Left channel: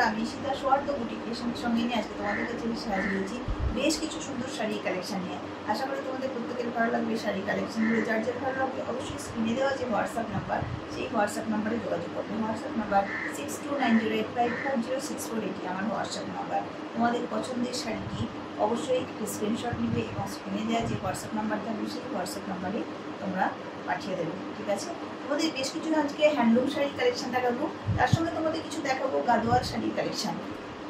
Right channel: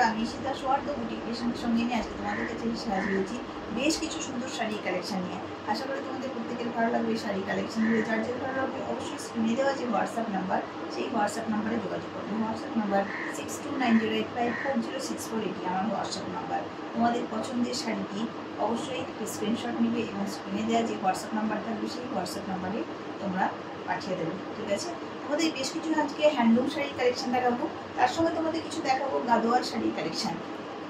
বন্ধুরা, আমি সীতা সোয়ার্দ বুটিক ক্রিয়েশনের সঙ্গে নিয়ে আজকে তোমাদের কাছে সাজিয়েছি বেশ কিছু সুন্দর শাড়ি কালেকশন নিয়ে। আশা করি তোমাদের প্রত্যেকের ভালো লাগবে এই শাড়ি কালেকশনগুলো। যার যার ভালো লাগবে অবশ্যই স্ক্রিনে দেওয়া যে হোয়াটসঅ্যাপ নাম্বার, সেই হোয়াটসঅ্যাপ নাম্বারে যোগাযোগ করবে। হোয়াটসঅ্যাপ নাম্বার 6290854064, এটি আমার হোয়াটসঅ্যাপ নাম্বার। তোমাদের পছন্দের শাড়িটি অবশ্যই স্ক্রিনশট নেবে এবং স্ক্রিনে দেওয়া যে হোয়াটসঅ্যাপ নাম্বার থাকবে সেই হোয়াটসঅ্যাপ নাম্বারে তোমরা পাঠিয়ে দেবে, ঠিক আছে? তোমাদের বেশ কিছু আজকে হ্যান্ডলুম শাড়ির কালেকশন দেখাবো, তার সঙ্গে তোমাদের কিছু দেখাবো গাদোয়াল শাড়ির কালেকশন।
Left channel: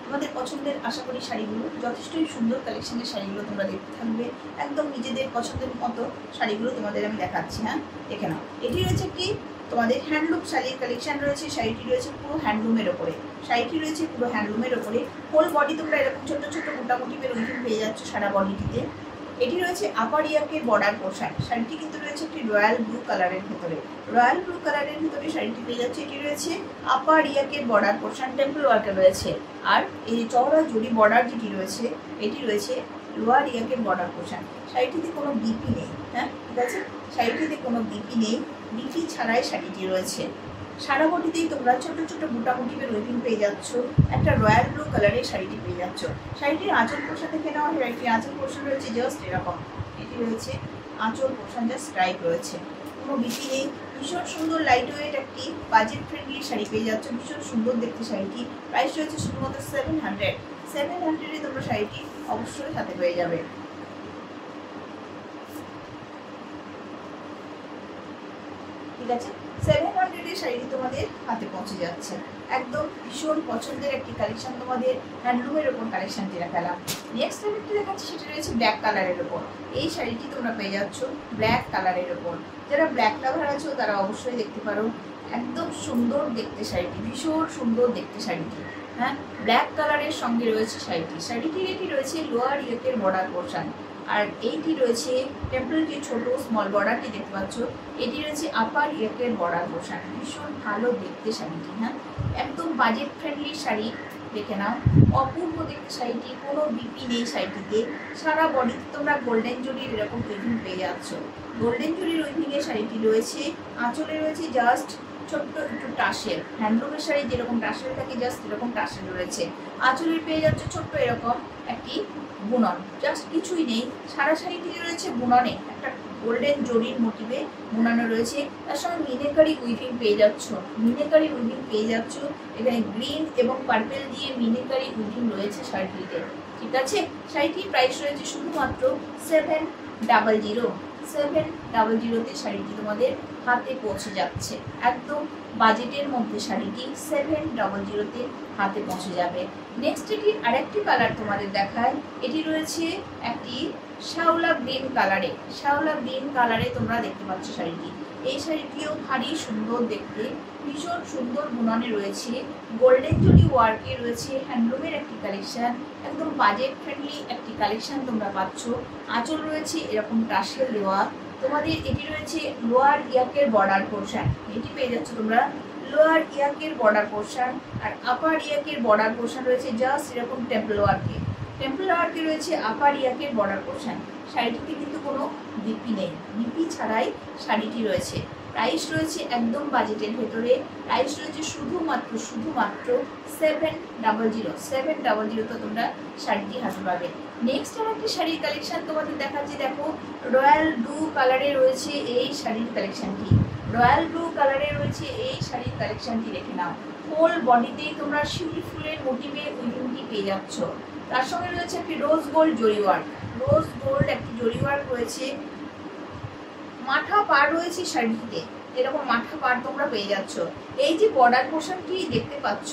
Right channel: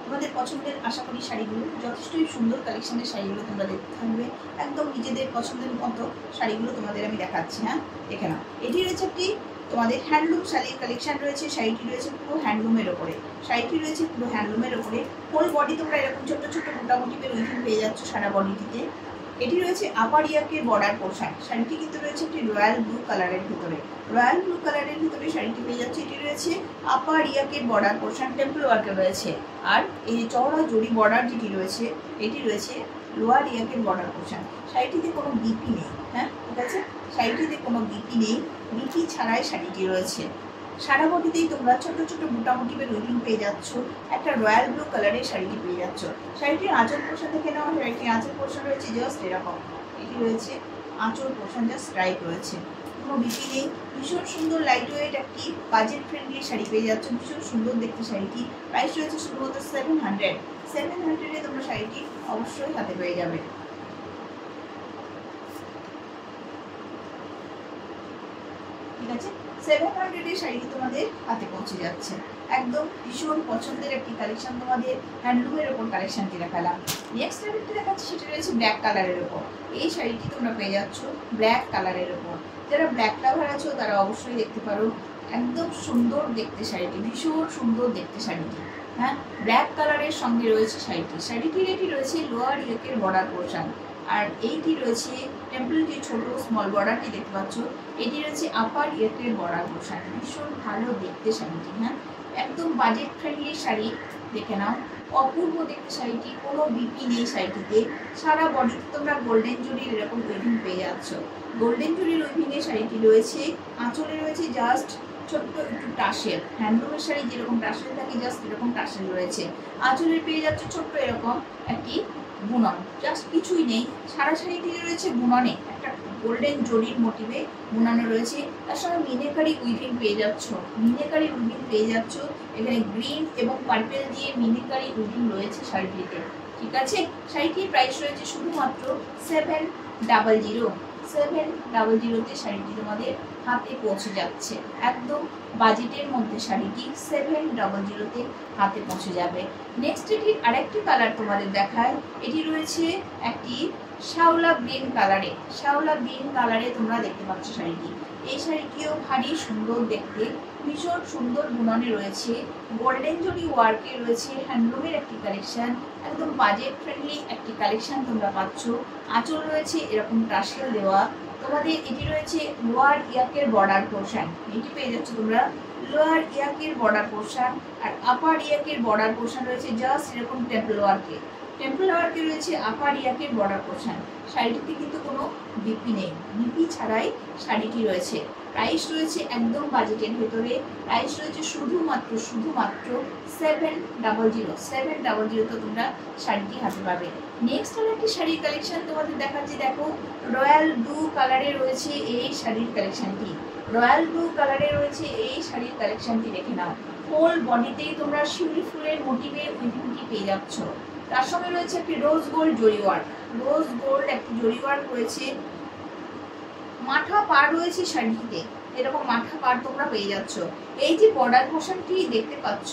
তোমাদের পছন্দের আশা করি শাড়িগুলো যথেষ্টই সুন্দর কালেকশনের শাড়িগুলো তোমরা দেখতে থাকবে। একদম নিজেদের পছন্দের মতো শাড়িগুলো তোমাদের আমি দেখাচ্ছি। হ্যাঁ, দেখে নাও। এটি রয়েছে কি তোমাদের হ্যান্ডলুম শাড়ির কালেকশন রয়েছে। শাড়িটি রয়েছে পুরো হ্যান্ডলুমের ওপরে। শাড়িটি রয়েছে পুরো হ্যান্ডলুমের ওপরে। হোল বডি তোমরা এরকম ছোট্ট ছোট্ট মোটামুটি উইভিং পেয়ে যাচ্ছ সারা বডিটিতে। এটি রয়েছে আপার ইয়াকের বর্ডার পোর্শন। শাড়িটি কিন্তু রয়েছে একটি রয়্যাল ব্লু কালারের ভিতরে। রয়্যাল ব্লু কালারের ভিতরে শাড়িটি পেয়ে যাচ্ছে। এটি রয়েছে আপার ইয়াকের বর্ডার পোর্শন, টেম্পল ওয়ার্কে রয়েছে। আর এই চওড়া জড়ি বর্ডার যেটি রয়েছে এটি রয়েছে লোয়ার ইয়াকের বর্ডার পোর্শন। শাড়িটিতে কোনো বিপি নেই। হ্যাঁ, ঠিক আছে, শাড়িটিতে কোনো বিপি নেই। বিপি ছাড়াই শাড়িটি রয়েছে। সারা বডিতেই তোমরা ছোট ছোট মোটামুটির উইভিং পেয়ে যাচ্ছ। একটা রয়্যাল ব্লু কালারের শাড়িটি পেয়ে যাচ্ছ। শাড়িটির আঁচল পোর্শন থেকে নেওয়া হয়। একটি আঁচল পোর্শন রয়েছে জাস্ট এরকম। এটি রয়েছে আঁচল পোর্শন, জাস্ট স্ট্রাইপ রয়েছে, কোনো বিপি নেই। ভীষণ সুন্দর লাইট ওয়েট একটি বাজেট ফ্রেন্ডলি শাড়ি পেয়ে যাচ্ছ। ভীষণ সুন্দর দেখতে শাড়িটি। প্রাইস রয়েছে শুধুমাত্র 700 তোমরা শাড়িটি অবশ্যই হাতে পেয়ে যাবে, ঠিক আছে? 700 শাড়িটি তোমাদের হাতে পৌঁছে যাচ্ছে। একদম ভীষণ পছন্দের একটি কালেকশন, তোমাদের হ্যান্ডলুমের ওপর কালেকশনটি দেখালাম। নেক্সট শাড়িটি দেখাচ্ছি, সেটা রয়েছে ব্ল্যাক কালারের ওপর। এই শাড়িটি তোমরা পেয়ে যাচ্ছ ব্ল্যাক কালারের ওপর। যারা ব্ল্যাক লাভার আছো তারা অবশ্যই দেখতে পারো। একদম সুন্দর দেখতে শাড়িটি, ভীষণ সুন্দর দেখতে শাড়িটি। হ্যাঁ, ব্ল্যাক কালারের সঙ্গে রয়েছে শাড়িটি। শাড়িটির এটি রয়েছে লোয়ার ইয়োকের বর্ডার পোর্শন। আর এইটি রয়েছে টেম্পল যে ছোট স্মল বর্ডারটি দেখতে পাচ্ছ, এটি রয়েছে আপার ইয়োকের বর্ডার পোর্শন। ভীষণ ভালো দেখতে শাড়িটি। হ্যাঁ, একদম বাজেট ফ্রেন্ডলি শাড়ি, দেখে নাও। অপূর্ব দেখতে শাড়িটি, কোনো বিপি নেই শাড়িটিতে। সারা বডিতে তোমরা গোল্ডেন জুরির এরকম উইভিং পেয়ে যাচ্ছ। গোল্ডেন জুরির উইভিংয়ে শাড়িটি রয়েছে। আঁচলে রয়েছে জাস্ট ছোট্ট একটু টাসেল। হ্যান্ডলুমের শাড়ি যেরকম টাসেল থাকে জাস্ট এরকম টাসেল রয়েছে। আঁচলে পেয়ে যাচ্ছে ছোট্ট এরকম একটি বুনন, জাস্ট কিছুই নেই। সারা শাড়িটি রয়েছে বুননে, একটা গোল্ডেন জরির মোটিভে বুনানো রয়েছে। তার সঙ্গে মিনেকারি উইভিং পেয়ে যাচ্ছ। মিনেকারি উইভিং পেয়ে যাচ্ছ। এখানে গ্রিন এবং পার্পেল দিয়ে মিনেকারি উইভিং রয়েছে শাড়িটিতে, ঠিক আছে? শাড়িটির প্রাইস রয়েছে শুধুমাত্র 700 শাড়িটি তোমাদের হাতে পৌঁছে যাচ্ছে। একদম বাজেটের মধ্যে শাড়িটি 700 হাতে পৌঁছে যাবে। নেক্সট এটির আরেকটি কালার তোমাদের দেখায়। এটি রয়েছে একটি শ্যাওলা গ্রিন কালারে। শ্যাওলা গ্রিন কালারে তোমরা দেখতে পাচ্ছ শাড়িটি। এই শাড়িটিও ভারী সুন্দর দেখতে, ভীষণ সুন্দর বুননে রয়েছে। গোল্ডেন জরি ওয়ার্কে রয়েছে। হ্যান্ডলুমের একটি কালেকশন, একদম বাজেট ফ্রেন্ডলি একটি কালেকশন তোমরা পাচ্ছ। আঁচল রয়েছে এরকম টাসেল দেওয়া। তোমাদের এটি রয়েছে লোয়ার ইয়াকের বর্ডার পোর্শন। এটি পেয়ে যাচ্ছ তোমরা লোয়ার ইয়াকের বর্ডার পোর্শন। আর আপার ইয়াকের বর্ডার পোর্শন রয়েছে জাস্ট এরকম টেম্পল ওয়ার্কে। টেম্পল ওয়ার্কে রয়েছে আপার ইয়াকের বর্ডার পোর্শন। শাড়িটিতে কিন্তু কোনো বিপি নেই। বিপি ছাড়াই শাড়িটি রয়েছে। প্রাইস রয়েছে একদম বাজেটের ভেতরে। প্রাইস রয়েছে শুধুমাত্র 700 তোমরা শাড়িটি হাতে পাবে। নেক্সট আর একটি শাড়ির কালেকশন তোমাদের দেখাচ্ছি। দেখো, রয়্যাল ব্লু কালারে রয়েছে এই শাড়ির কালেকশনটি। রয়্যাল ব্লু কালারে রয়েছে এই শাড়ির কালেকশনটি, দেখে নাও। হোল বডিতেই তোমরা শিউলি ফুলের মোটিভে উইভিংটি পেয়ে যাচ্ছ। তার সঙ্গে রয়েছে একটি রোজ গোল্ড জরি ওয়ার্ক। রোজ গোল্ড একটি জরি ওয়ার্ক রয়েছে। মাথা পার রয়েছে শাড়িটিতে, এরকম মাথা পার তোমরা পেয়ে যাচ্ছ। এই যে বর্ডার পোর্শনটি দেখতে পাচ্ছ,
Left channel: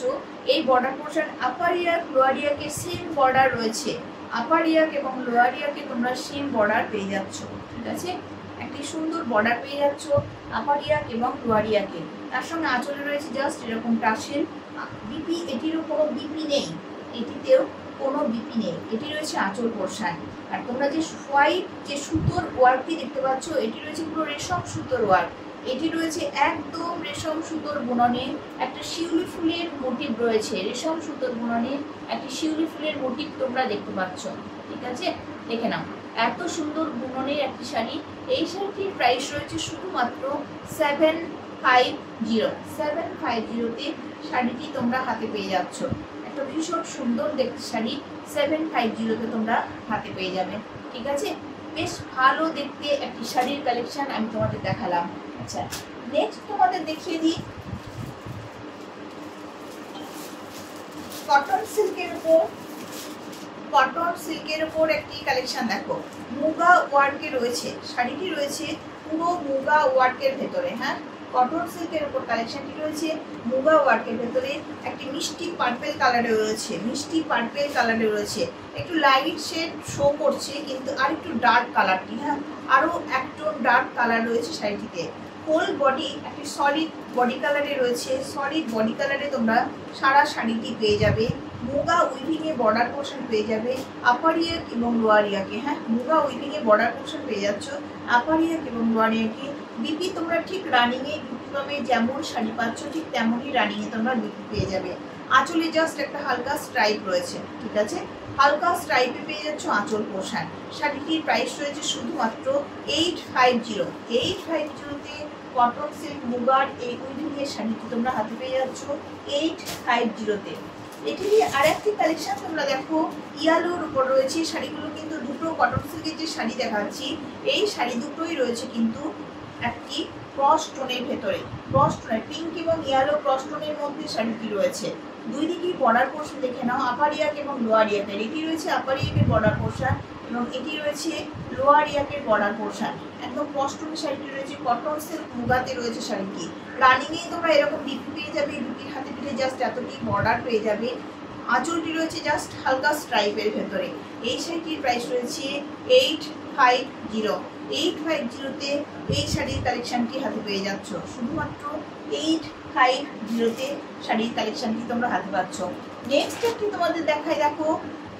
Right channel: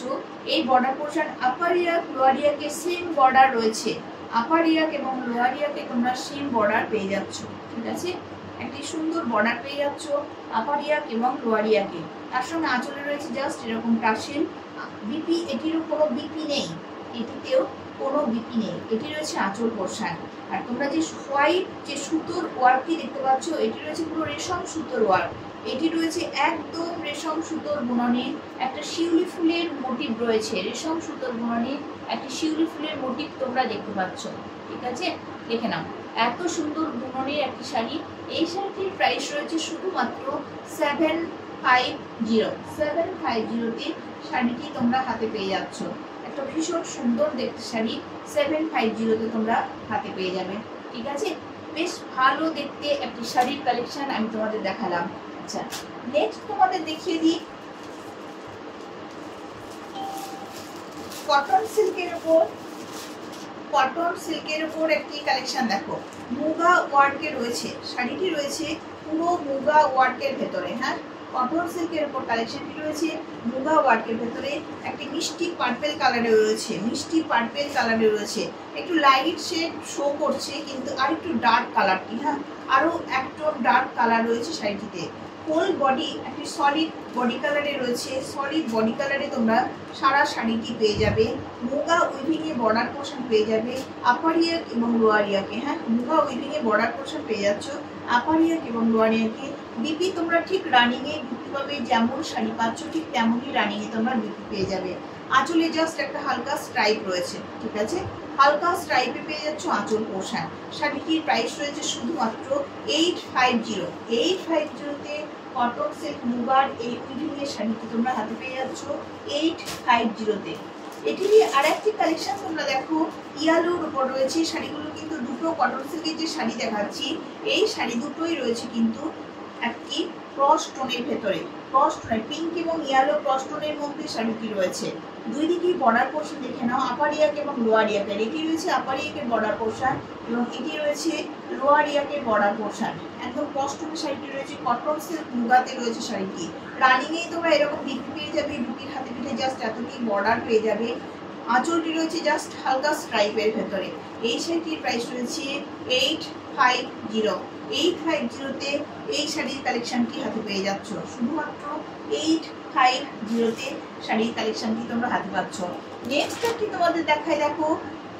এই বর্ডার পোর্শন আপার ইয়াক লোয়ার ইয়াকে সেম বর্ডার রয়েছে। আপার ইয়াক এবং লোয়ার ইয়াকে তোমরা সেম বর্ডার পেয়ে যাচ্ছ, ঠিক আছে? একটি সুন্দর বর্ডার পেয়ে যাচ্ছ আপার ইয়াক এবং লোয়ার ইয়াকে। তার সঙ্গে আঁচলে রয়েছে জাস্ট এরকম টাসেল। বিপি, এটিরও কোনো বিপি নেই। এটিতেও কোনো বিপি নেই। এটি রয়েছে আঁচল পোর্শন। আর তোমরা যে হোয়াইট যে সুতোর ওয়ার্কটি দেখতে পাচ্ছ, এটি রয়েছে পুরো রেশম সুতোর ওয়ার্ক। এটি রয়েছে একদম রেশম সুতোর বুননে। একটা শিউলি ফুলের মোটিভ রয়েছে। রেশম সুতোর বুননে একটি শিউলি ফুলের মোটিভ তোমরা দেখতে পাচ্ছ, ঠিক আছে? দেখে নাও, এত সুন্দর বুননের একটি শাড়ি। এই শাড়িটির প্রাইস রয়েছে শুধুমাত্র 750 শাড়িটি তোমরা হাতে পেয়ে যাচ্ছ। একটা ভীষণ সুন্দর দেখতে শাড়ি 750-তে তোমরা হাতে পেয়ে যাবে। ঠিক আছে, বেশ ভালো দেখতে একটি শাড়ির কালেকশন আমি তোমাদের দেখালাম। আচ্ছা, নেক্সট তোমাদের দেখিয়ে দিই কটন সিল্কের উপর একটি কালেকশন। দেখো, মুগা ওয়ার্কে রয়েছে, শাড়িটি রয়েছে পুরো মুগা ওয়ার্কের ভেতরে। হ্যাঁ, কটন সিল্কের উপর কালেকশনটি রয়েছে মুগা ওয়ার্কের ভেতরে, একটি মিষ্টি পার্পেল কালারে রয়েছে, একটু লাইট শেড শো করছে কিন্তু আর একটু ডার্ক কালারটি। হ্যাঁ, আরো একটু ডার্ক কালার রয়েছে শাড়িটিতে। হোল বডি একটি সলিড বডি কালারে রয়েছে, সলিড বডি কালারে তোমরা সারা শাড়িটি পেয়ে যাবে। মুগা উইভিংয়ে বর্ডার পোর্শন পেয়ে যাবে আপার ইয়াক এবং লোয়ার ইয়াকে। হ্যাঁ, মুগা উইভিংয়ে বর্ডার পোর্শন পেয়ে যাচ্ছ আপার ইয়াক এবং লোয়ার ইয়াকে। বিপি তোমরা ঠিক রানিংয়ে বিপি পাবে, যেমন শাড়ি পাচ্ছ ঠিক তেমনই রানিংয়ে তোমরা বিপি পেয়ে যাবে। আঁচলে জাস্ট একটা হালকা স্ট্রাইপ রয়েছে। ঠিক আছে, হালকা স্ট্রাইপে পেয়ে যাচ্ছ আঁচল পোর্শন। শাড়িটির প্রাইস রয়েছে শুধুমাত্র 850-তে কটন সিল্ক মুগার এই উইভিংয়ের শাড়িটি তোমরা হাতে পেয়ে যাচ্ছ 850-তে। এটিরই আর একটি কালেকশন তোমরা দেখো, ইয়ালোর উপর রয়েছে। শাড়িগুলো কিন্তু দুটো কটন সিল্কের যে শাড়ি দেখাচ্ছি, এই শাড়ি দুটোই রয়েছে কিন্তু একটি ক্রস টোনের ভেতরে, ক্রস টোনের পিঙ্ক এবং ইয়েলো ক্রস টোনের মধ্যে শাড়িটি রয়েছে। দুই দিকেই বর্ডার পোর্শন দেখে নাও, আপার ইয়াক এবং লোয়ার ইয়াকের। এটি রয়েছে আপার ইয়াকের বর্ডার পোর্শন এবং এটি রয়েছে লোয়ার ইয়াকের বর্ডার পোর্শন। একদম ক্রস টোনের শাড়িটি রয়েছে, কটন সিল্ক মুগাতে রয়েছে শাড়িটি। রানিংয়েই তোমরা এরকম বিপি পেয়ে যাবে, বিপির হাতে পিঠে জাস্ট এতটি বর্ডার পেয়ে যাবে। আঁচলটি রয়েছে জাস্ট হালকা স্ট্রাইপের ভেতরে। এই শাড়িটির প্রাইস রয়েছে 850-তে এই শাড়ির কালেকশনটি হাতে পেয়ে যাচ্ছ। শুধুমাত্র 850-তে শাড়ির কালেকশনটি তোমরা হাতে পাচ্ছ। নেক্সট একটি তোমাদের দেখায়, দেখো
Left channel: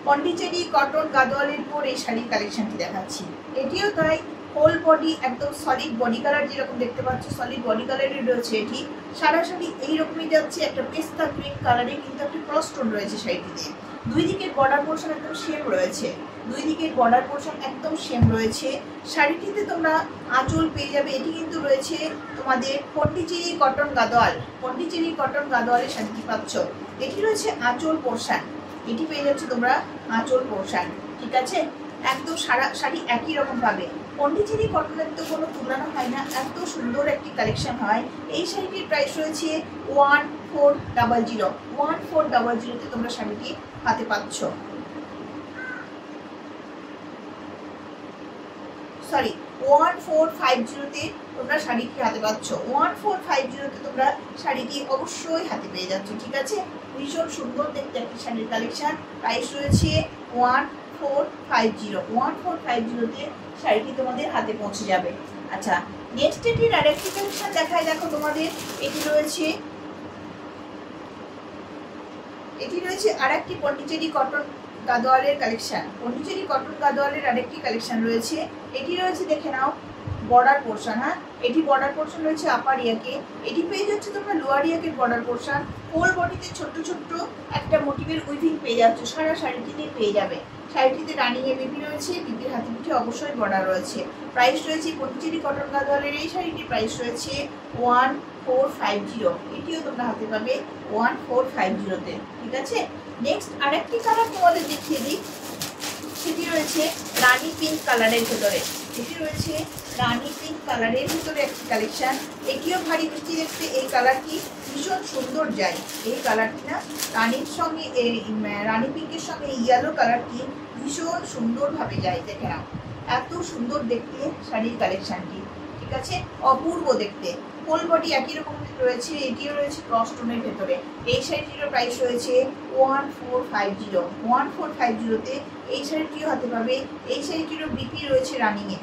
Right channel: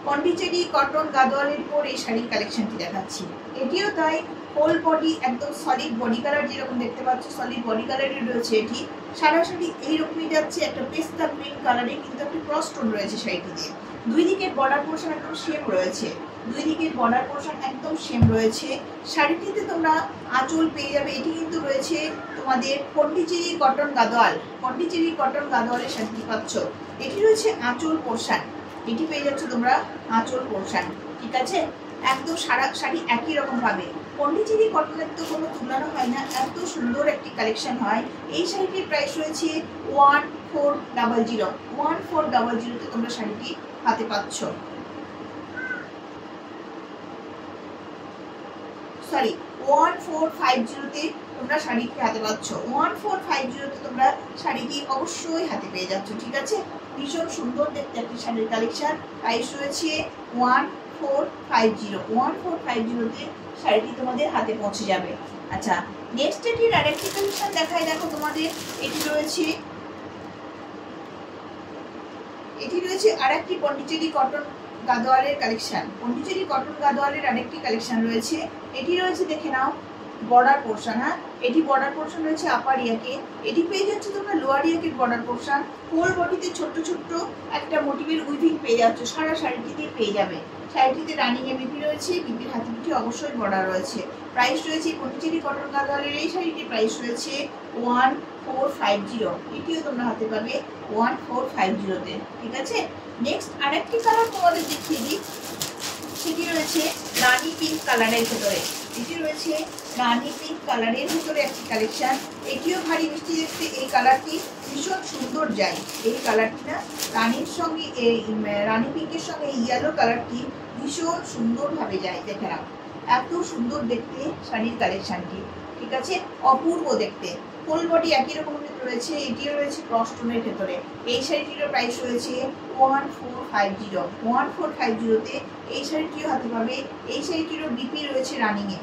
পন্ডিচেরি কটন গাদোয়ালের পর এই শাড়ির কালেকশনটি দেখাচ্ছি। এটিও তাই, হোল বডি একদম সলিড বডি কালার যেরকম দেখতে পাচ্ছ সলিড বডি কালারের রয়েছে। এটি সারা শাড়ি এইরকমই যাচ্ছে, একটা পেস্তা গ্রিন কালারে কিন্তু একটি ক্রস টোন রয়েছে শাড়িটিতে। দুই দিকের বর্ডার পোর্শন একদম সেম রয়েছে, শাড়িটিতে তোমরা আঁচল পেয়ে যাবে। এটি কিন্তু রয়েছে তোমাদের পন্ডিচেরি কটন গাদোয়ালের শাড়িটি পাচ্ছ। এটি রয়েছে আঁচল পোর্শন, এটি পেয়ে যাচ্ছ তোমরা আঁচল পোর্শন। ঠিক আছে, একদম সারা শাড়ি একই রকম পাবে। পন্ডিচেরি কটনের তো কোনো তুলনা হয় না, এত সুন্দর একটি কালেকশন হয়। এই শাড়িটির প্রাইস রয়েছে 1400-তে তোমরা শাড়িটি হাতে পাচ্ছ। 1450-তে তোমরা শাড়িটি হাতে পাচ্ছ। 1450-তে তোমরা শাড়িটি অবশ্যই হাতে পেয়ে যাচ্ছ। ঠিক আছে, ভীষণ সুন্দর দেখতে একটি শাড়ির কালেকশন। প্রাইস রয়েছে 1450-তে শাড়িটি তোমাদের হাতে পৌঁছে যাবে। আচ্ছা, নেক্সট এটির আরেকটি কালেকশন দেখাই। দেখো তোমাদের এটি রয়েছে আরেকটি পন্ডিচেরি কটন গাদোয়ালের কালেকশন। পন্ডিচেরি কটন গাদোয়ালের আরেকটি কালেকশন রয়েছে। এটি রয়েছে দেখে নাও বর্ডার পোর্শন। হ্যাঁ, এটি বর্ডার পোর্শন রয়েছে আপার ইয়াকে। এটি পেয়ে যাচ্ছে তোমরা লোয়ার ইয়াকের বর্ডার পোর্শন। হোল বডিতে ছোট্ট একটা মোটিভের উইভিং পেয়ে যাচ্ছ, সারা শাড়িটিতে পেয়ে যাবে। শাড়িটিতে রানিংয়ে বিপি রয়েছে, বিপির হাতে পিঠে অবশ্যই বর্ডার রয়েছে। প্রাইস রয়েছে পন্ডিচেরি কটন গাদোয়ালের এই শাড়িটির প্রাইস রয়েছে 1450। এটিও তোমরা হাতে পাবে 1450-তে। ঠিক আছে, নেক্সট আরেকটি কালার তোমাদের দেখিয়ে দিই। সেটি রয়েছে রানি পিঙ্ক কালারের ভেতরে। একটি কালেকশন। এটিও ভারী মিষ্টি দেখতে। এই কালারটি ভীষণ সুন্দর যায়। এই কালারটি না রানির সঙ্গে রানি পিঙ্কের সঙ্গে ইয়েলো কালারটি ভীষণ সুন্দরভাবে যায়। দেখে নাও, এত সুন্দর দেখতে শাড়ির কালেকশনটি। ঠিক আছে, অপূর্ব দেখতে। ফুল বডি একই রকম রয়েছে। এটিও রয়েছে ক্রস টোনের ভেতরে। এই শাড়িটিরও প্রাইস রয়েছে 1450-তে এই শাড়িটিও হাতে পাবে। এই শাড়িটিরও বিপি রয়েছে রানিংয়ে।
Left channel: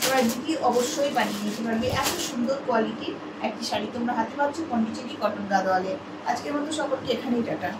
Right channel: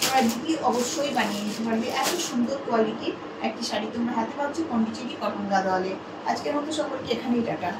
তোমরা বিপি অবশ্যই বানিয়ে নিতে পারবে। এত সুন্দর কোয়ালিটির একটি শাড়ি তোমরা হাতে পাচ্ছ পন্ডিচেরি কটন গাদোয়ালে। আজকের মতো সকলকে এখানেই টাটা।